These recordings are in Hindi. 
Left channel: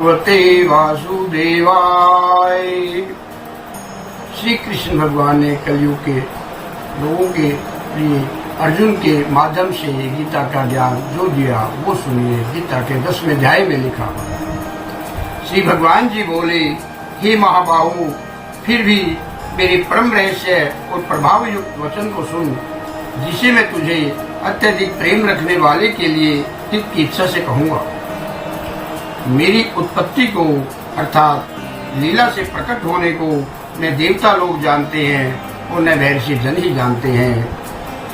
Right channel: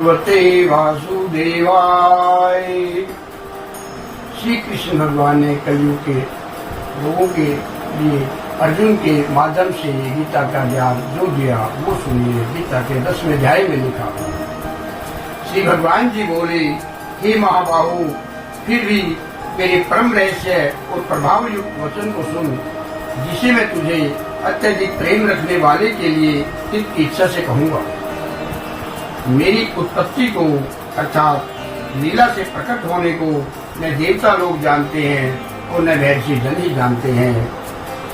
भगवते वासुदेवाय। श्री कृष्ण भगवान ने कलयुग के लोगों के लिए अर्जुन के माध्यम से गीता का ज्ञान जो दिया वो सुनिए। गीता के 10वें अध्याय में लिखा। श्री भगवान जी बोले, हे महाबाहु, फिर भी मेरे परम रहस्य और प्रभाव युक्त वचन को सुन, जिसे मैं तुझे अत्यधिक प्रेम रखने वाले के लिए हित की इच्छा से कहूँगा। मेरी उत्पत्ति को अर्थात लीला से प्रकट होने को न देवता लोग जानते हैं और न महर्षि जन ही जानते हैं,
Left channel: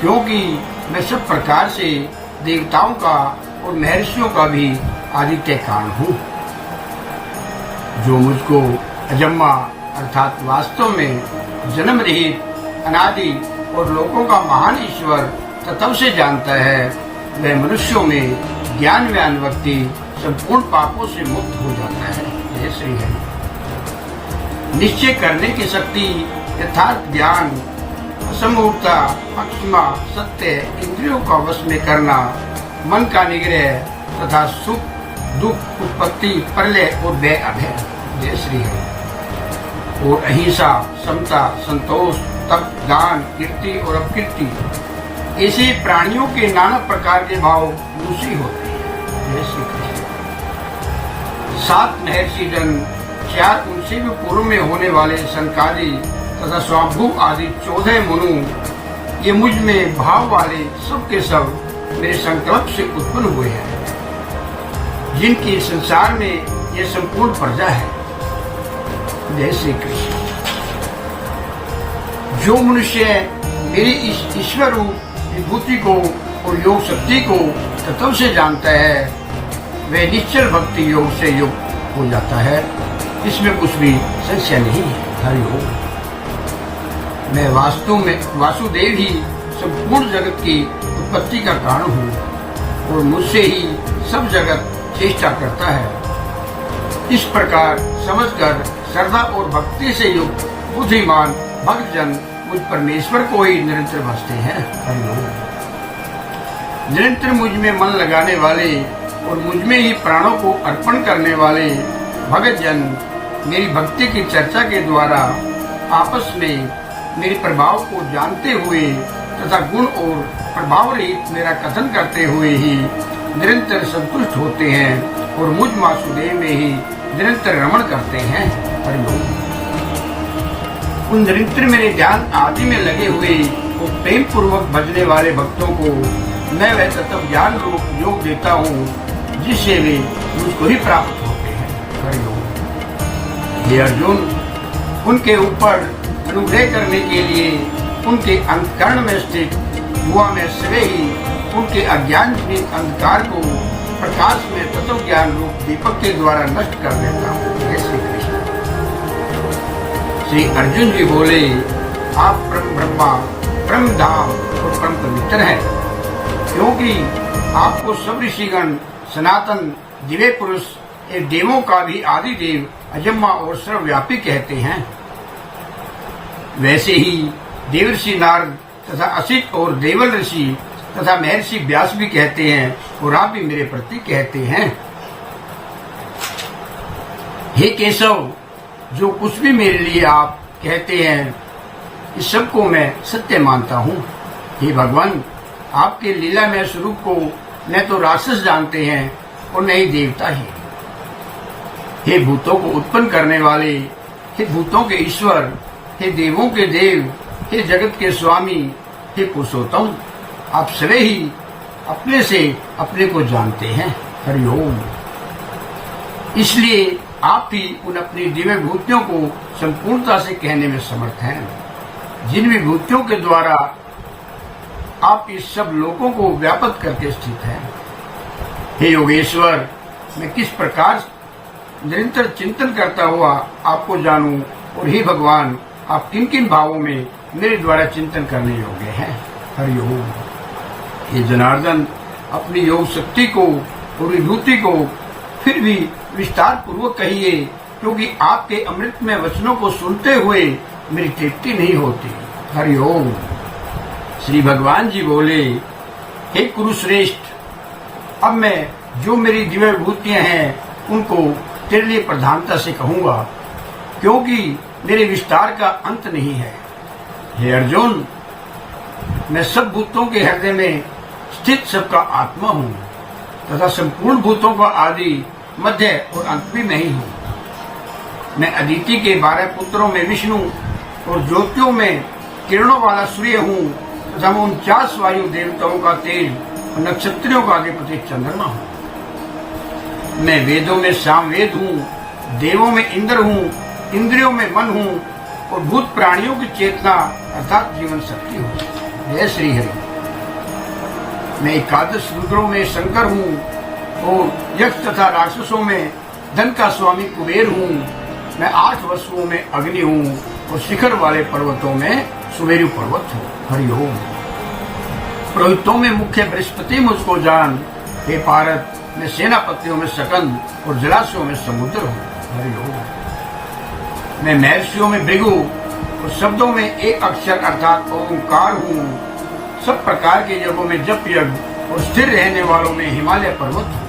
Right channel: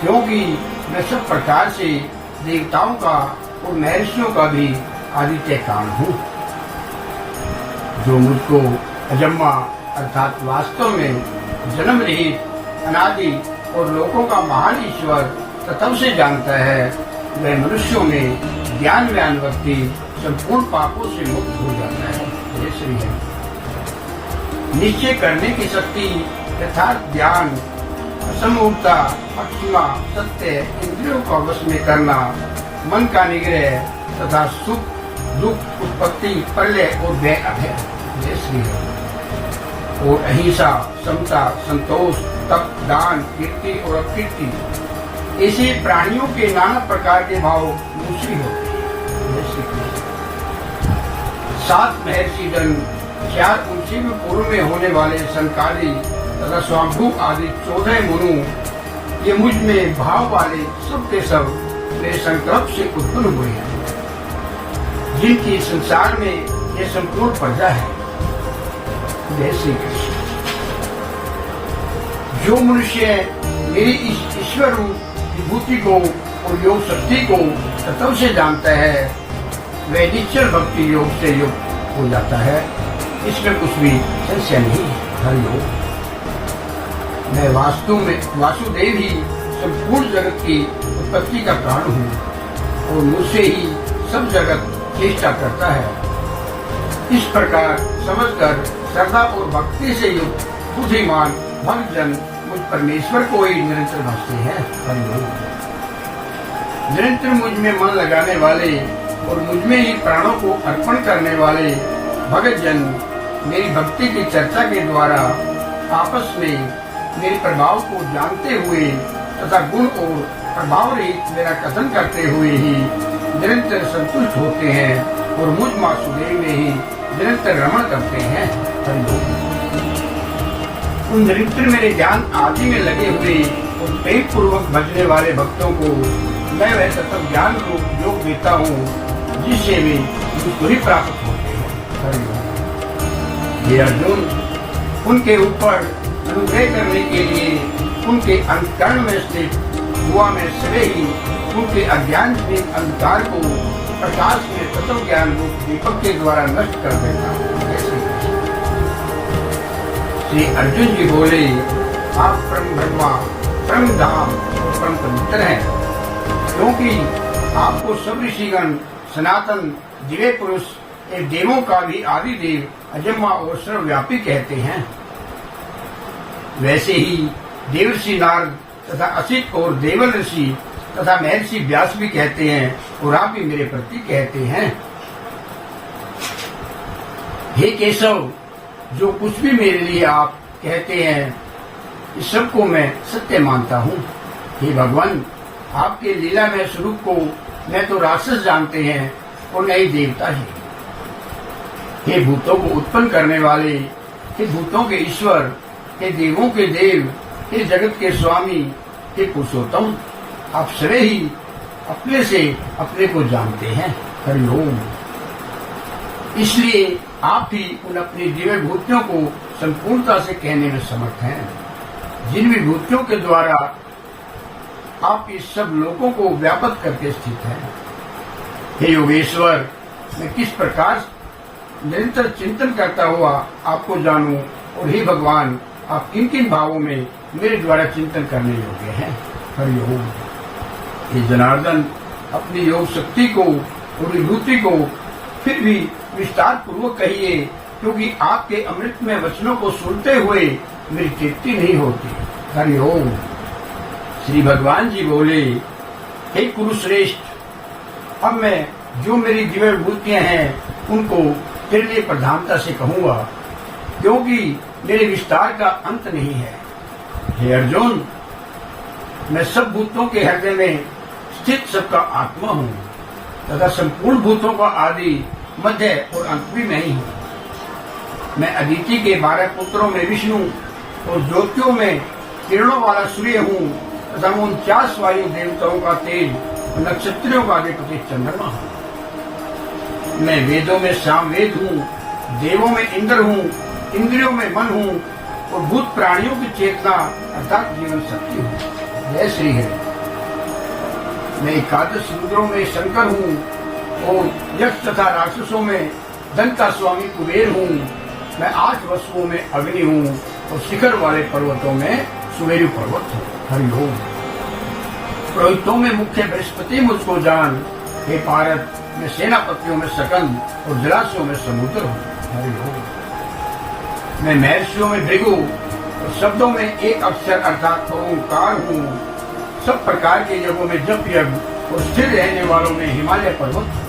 क्योंकि मैं सब प्रकार से देवताओं का और महर्षियों का भी आदित्य काल हूँ। जो मुझको अजम्मा अर्थात वास्तव में जन्म रहित अनादि और लोगों का महान ईश्वर तत्व से जानता है, वह मनुष्यों में ज्ञान में अनुवर्ती संपूर्ण पापों से मुक्त हो जाता है। जय श्री हरि। निश्चय करने की शक्ति, यथार्थ ज्ञान, असमूर्ता, अक्षमा, सत्य, इंद्रियों का वश में करना, मन का निग्रह तथा सुख दुख उत्पत्ति प्रलय और व्यय अभय। जय श्री हरि। और अहिंसा, समता, संतोष, तप, दान, कीर्ति और अपकीर्ति, ऐसे प्राणियों के नाना प्रकार के भाव दूसरी होते हैं। जय श्री कृष्ण। 7 महर्षि जन, 4 उनसे भी पूर्व में होने वाले संकाली तथा स्वाभू आदि 14 मनु, ये मुझ में भाव वाले सब के सब मेरे संकल्प से उत्पन्न हुए हैं, जिनकी संसार में ये संपूर्ण प्रजा है। जय श्री कृष्ण। जो मनुष्य मेरी इस ईश्वर रूप विभूति को और योग शक्ति को तत्व से जानता है, वह निश्चल भक्ति योग से युक्त हो जाता है। इसमें कुछ भी संशय नहीं है। हरिओम। मैं वास्तव में वासुदेव ही संपूर्ण जगत की उत्पत्ति का कारण हूँ और मुझसे ही सब जगत चेष्टा करता है। इस प्रकार समझकर श्रद्धा और भक्ति से युक्त बुद्धिमान भक्तजन मुझ परमेश्वर को ही निरंतर भजते हैं। हरिओम। निरंतर मुझ में मन लगाने वाले और मुझमें ही प्राणों को अर्पण करने वाले भगत जन मेरी भक्ति की चर्चा के द्वारा आपस में मेरे प्रभाव को जानते हुए तथा गुण और प्रभाव रहित मेरा कथन करते हुए ही निरंतर संतुष्ट होते हैं और मुझ वासुदेव में ही निरंतर रमण करते हैं। हरिओम। उन निरंतर मेरे ज्ञान आदि में लगे हुए और प्रेम पूर्वक भजने वाले भक्तों को मैं वह तत्व ज्ञान रूप योग देता हूँ, जिससे वे मुझको ही प्राप्त होते हैं। हरिओम। हे अर्जुन, उनके ऊपर अनुग्रह करने के लिए उनके अंतःकरण में स्थित हुआ मैं स्वयं ही उनके अज्ञान के अंधकार को प्रकाश में तत्व ज्ञान रूप दीपक के द्वारा नष्ट कर देता हूँ। श्री कृष्ण। श्री अर्जुन जी बोले, आप परम ब्रह्मा, परम धाम और परम पवित्र हैं, क्योंकि आपको सब ऋषिगण सनातन दिव्य पुरुष एक देवों का भी आदि देव अजम्मा और सर्वव्यापी कहते हैं। वैसे ही देवर्षि नारद तथा असित और देवल ऋषि तथा महर्षि व्यास भी कहते हैं और आप भी मेरे प्रति कहते हैं। हे केशव, जो कुछ भी मेरे लिए आप कहते हैं, इस सब को मैं सत्य मानता हूँ। हे भगवान, आपके लीलामय स्वरूप को न तो राक्षस जानते हैं और न ही देवता ही। हे भूतों को उत्पन्न करने वाले, हे भूतों के ईश्वर, हे देवों के देव, हे जगत के स्वामी, हे पुरुषोत्तम, आप स्वयं ही अपने से अपने को जानते हैं। हरिओम। इसलिए आप ही उन अपनी दिव्य विभूतियों को संपूर्णता से कहने में समर्थ हैं, जिन विभूतियों के द्वारा आप इस सब लोगों को व्यापक करके स्थित हैं। हे योगेश्वर, मैं किस प्रकार निरंतर चिंतन करता हुआ आपको जानूं, और हे भगवान, आप किन किन भावों में मेरे द्वारा चिंतन करने योग्य हैं। हरिओम। हे जनार्दन, अपनी योग शक्ति को और विभूति को फिर भी विस्तार पूर्वक कहिए, क्योंकि आपके अमृतमय वचनों को सुनते हुए मेरी तृप्ति नहीं होती। हरिओम। श्री भगवान जी बोले, हे कुरुश्रेष्ठ, अब मैं जो मेरी दिव्य विभूतियां हैं उनको तेरे लिए प्रधानता से कहूंगा, क्योंकि मेरे विस्तार का अंत नहीं है। हे अर्जुन, मैं सब भूतों के हृदय में स्थित सबका आत्मा हूँ तथा संपूर्ण भूतों का आदि, मध्य और अंत भी मैं ही हूँ। मैं अदिति के 12 पुत्रों में विष्णु और ज्योतियों में किरणों वाला सूर्य हूँ तथा 49 वायु देवताओं का तेज, नक्षत्रों का अधिपति चंद्रमा हूँ। मैं वेदों में सामवेद हूँ, देवों में इंद्र हूँ, इंद्रियों में मन हूँ और भूत प्राणियों की चेतना अर्थात जीवन शक्ति हूँ। जय श्री हरि। मैं 11 रुद्रों में शंकर हूँ और यक्ष तथा राक्षसों में धन का स्वामी कुबेर हूँ। मैं 8 वसुओं में अग्नि हूँ और शिखर वाले पर्वतों में सुमेरु पर्वत हूँ। हरिओम। पुरोहितों में मुख्य बृहस्पति मुझको जान। हे पारत, मैं सेनापतियों में सकंद और जलाशयों में समुद्र हूँ। हरिओम। मैं महर्षियों में भृगु और शब्दों में एक अक्षर अर्थात ओंकार हूँ। सब प्रकार के यज्ञों में जप यज्ञ और स्थिर रहने वालों में हिमालय पर्वत हूँ।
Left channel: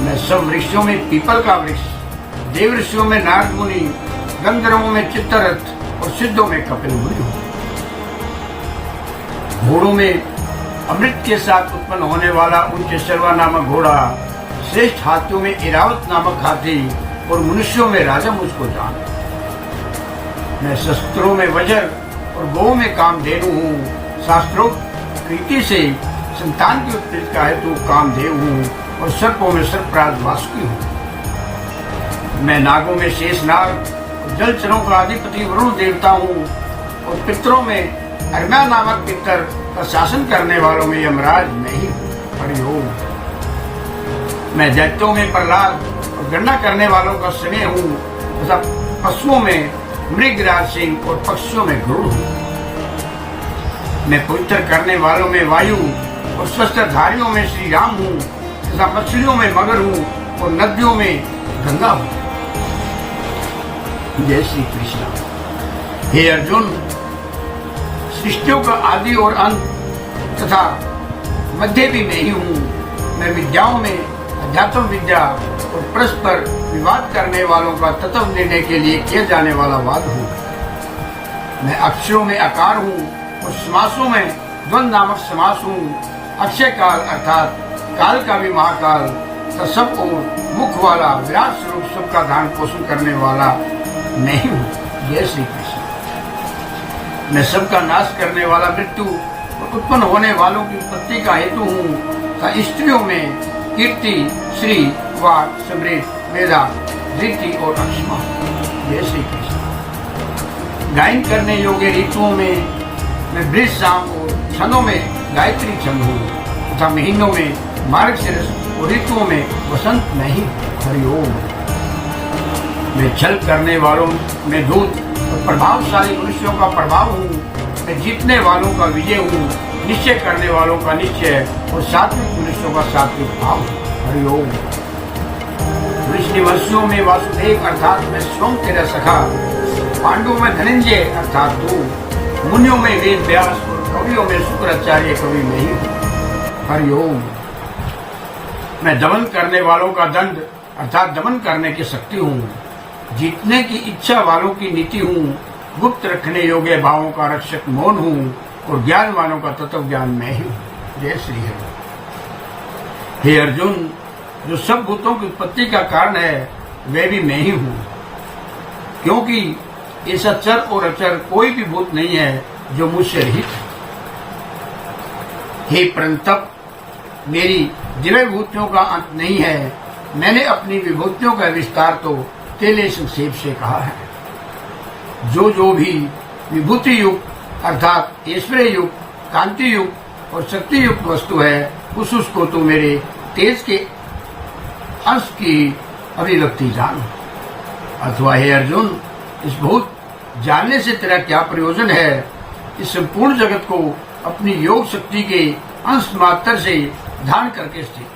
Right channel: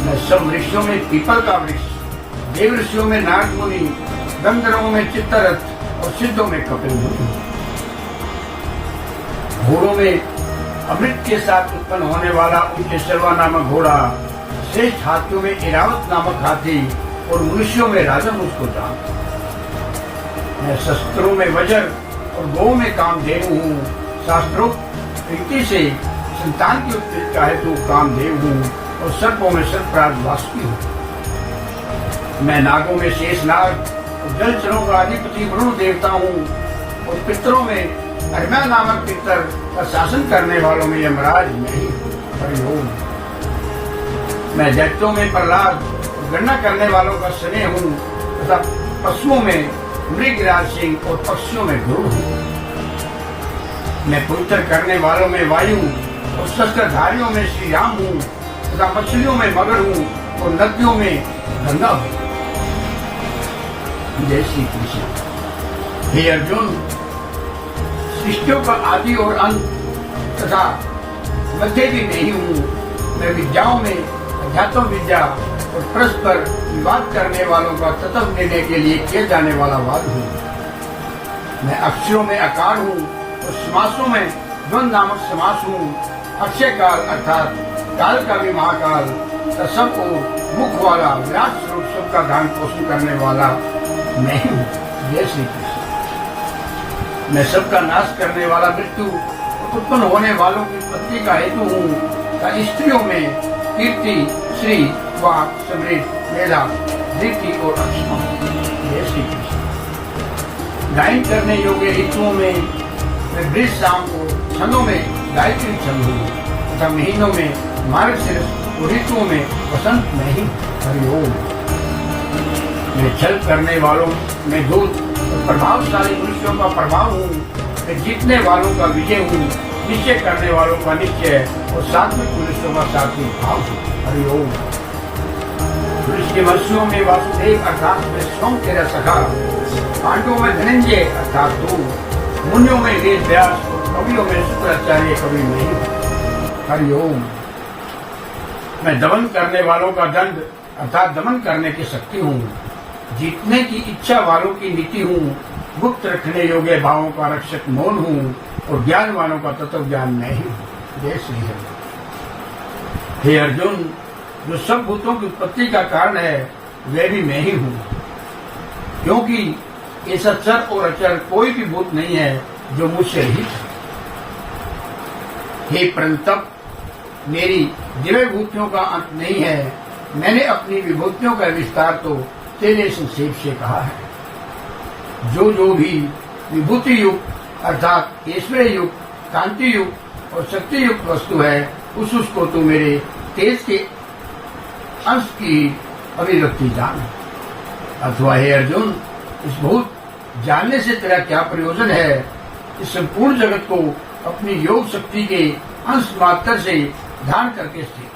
मैं सब ऋषियों में पीपल का वृक्ष, देव ऋषियों में नारद मुनि, गंधर्वों में चित्तरथ और सिद्धों में कपिल मुनि हूँ। घोड़ों में अमृत के साथ उत्पन्न होने वाला उच्च शर्वा नामक घोड़ा, श्रेष्ठ हाथियों में इरावत नामक हाथी और मनुष्यों में राजा मुझको जान। मैं शस्त्रों में वज्र और गौ में कामधेनु हूँ। शास्त्रोक्त प्रीति से संतान की उत्पत्ति हेतु कामदेव हूँ और सर्पों में सर्पराज वासुकी हूँ। मैं नागों में शेषनाग और जलचरों का अधिपति वरुण देवता हूँ और पितरों में अर्मा नामक पितर का शासन करने वालों में यमराज में ही। हरिओम। मैं दैत्यों में प्रहलाद और गणना करने वालों का शरीर हूँ तथा पशुओं में मृगराज सिंह और पक्षियों में गरुड़ हूँ। मैं पवित्र करने वालों में वायु और शस्त्रधारियों में श्री राम हूँ तथा मछलियों में मगर हूँ और नदियों में गंगा हूँ। जय श्री कृष्ण। हे अर्जुन, सृष्टियों का आदि और अंत तथा मध्य भी नहीं हूँ। मैं विद्याओं में अध्यात्म विद्या और परस्पर विवाद करने वालों का तत्व निर्णय के लिए किया जाने वाला वाद हूँ। मैं अक्षरों में आकार हूँ और समासों में द्वंद नामक समास हूँ। अक्षय काल अर्थात काल का भी महाकाल तथा सब और मुख वाला विराट स्वरूप सबका धारण पोषण करने वाला मैं ही हूँ। जय श्री कृष्ण। मैं सबका नाश करने वाला मृत्यु और उत्पन्न होने वालों की उत्पत्ति का हेतु हूँ तथा स्त्रियों में कीर्ति, श्री, वाक, समृद्ध, मेधा, धृति और अक्षमा। जय श्री कृष्ण। गायन करने योग्य ऋतुओं में मैं वृष शाम और क्षणों में गायत्री छंद हूँ तथा महीनों में मार्गशीर्ष और ऋतुओं में वसंत नहीं। हरिओम। मैं छल करने वालों में दूत और प्रभावशाली मनुष्यों का प्रभाव हूँ। मैं जीतने वालों का विजय हूँ, निश्चय करने वालों का निश्चय और सात्विक मनुष्यों का सात्विक भाव हूँ। हरिओम। ऋषिवर्षियों में वासुदेव अर्थात मैं स्वयं तेरा सखा, पांडवों में धनंजय अर्थात तू, मुनियों में वेद व्यास और कवियों में शुक्राचार्य कवि नहीं। हरिओम। मैं दमन करने वालों का दंड अर्थात दमन करने की शक्ति हूँ। जीतने की इच्छा वालों की नीति हूँ। गुप्त रखने योग्य भावों का रक्षक मौन हूँ और ज्ञान वालों का तत्व ज्ञान मैं ही हूँ। जय श्री हरि। हे अर्जुन, जो सब भूतों की उत्पत्ति का कारण है वह भी मैं ही हूँ, क्योंकि ऐसा चर और अचर कोई भी भूत नहीं है जो मुझसे रहित है। हे परंतप, मेरी दिव्य विभूतियों का अंत नहीं है। मैंने अपनी विभूतियों का विस्तार तो तेरे संक्षेप से कहा है। जो भी विभूति युक्त अर्थात ऐश्वर्य युक्त, कांति युक्त और शक्ति युक्त वस्तु है उसको तो मेरे तेज के अंश की अभिव्यक्ति जान। अथवा हे अर्जुन, इस भूत जानने से तेरा क्या प्रयोजन है? इस संपूर्ण जगत को अपनी योग शक्ति के अंश मात्र से ध्यान करके स्थित।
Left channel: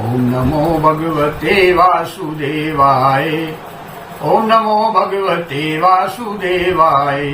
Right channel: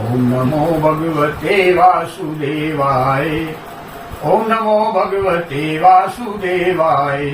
ओम नमो भगवते वासुदेवाय। ओम नमो भगवते वासुदेवाय।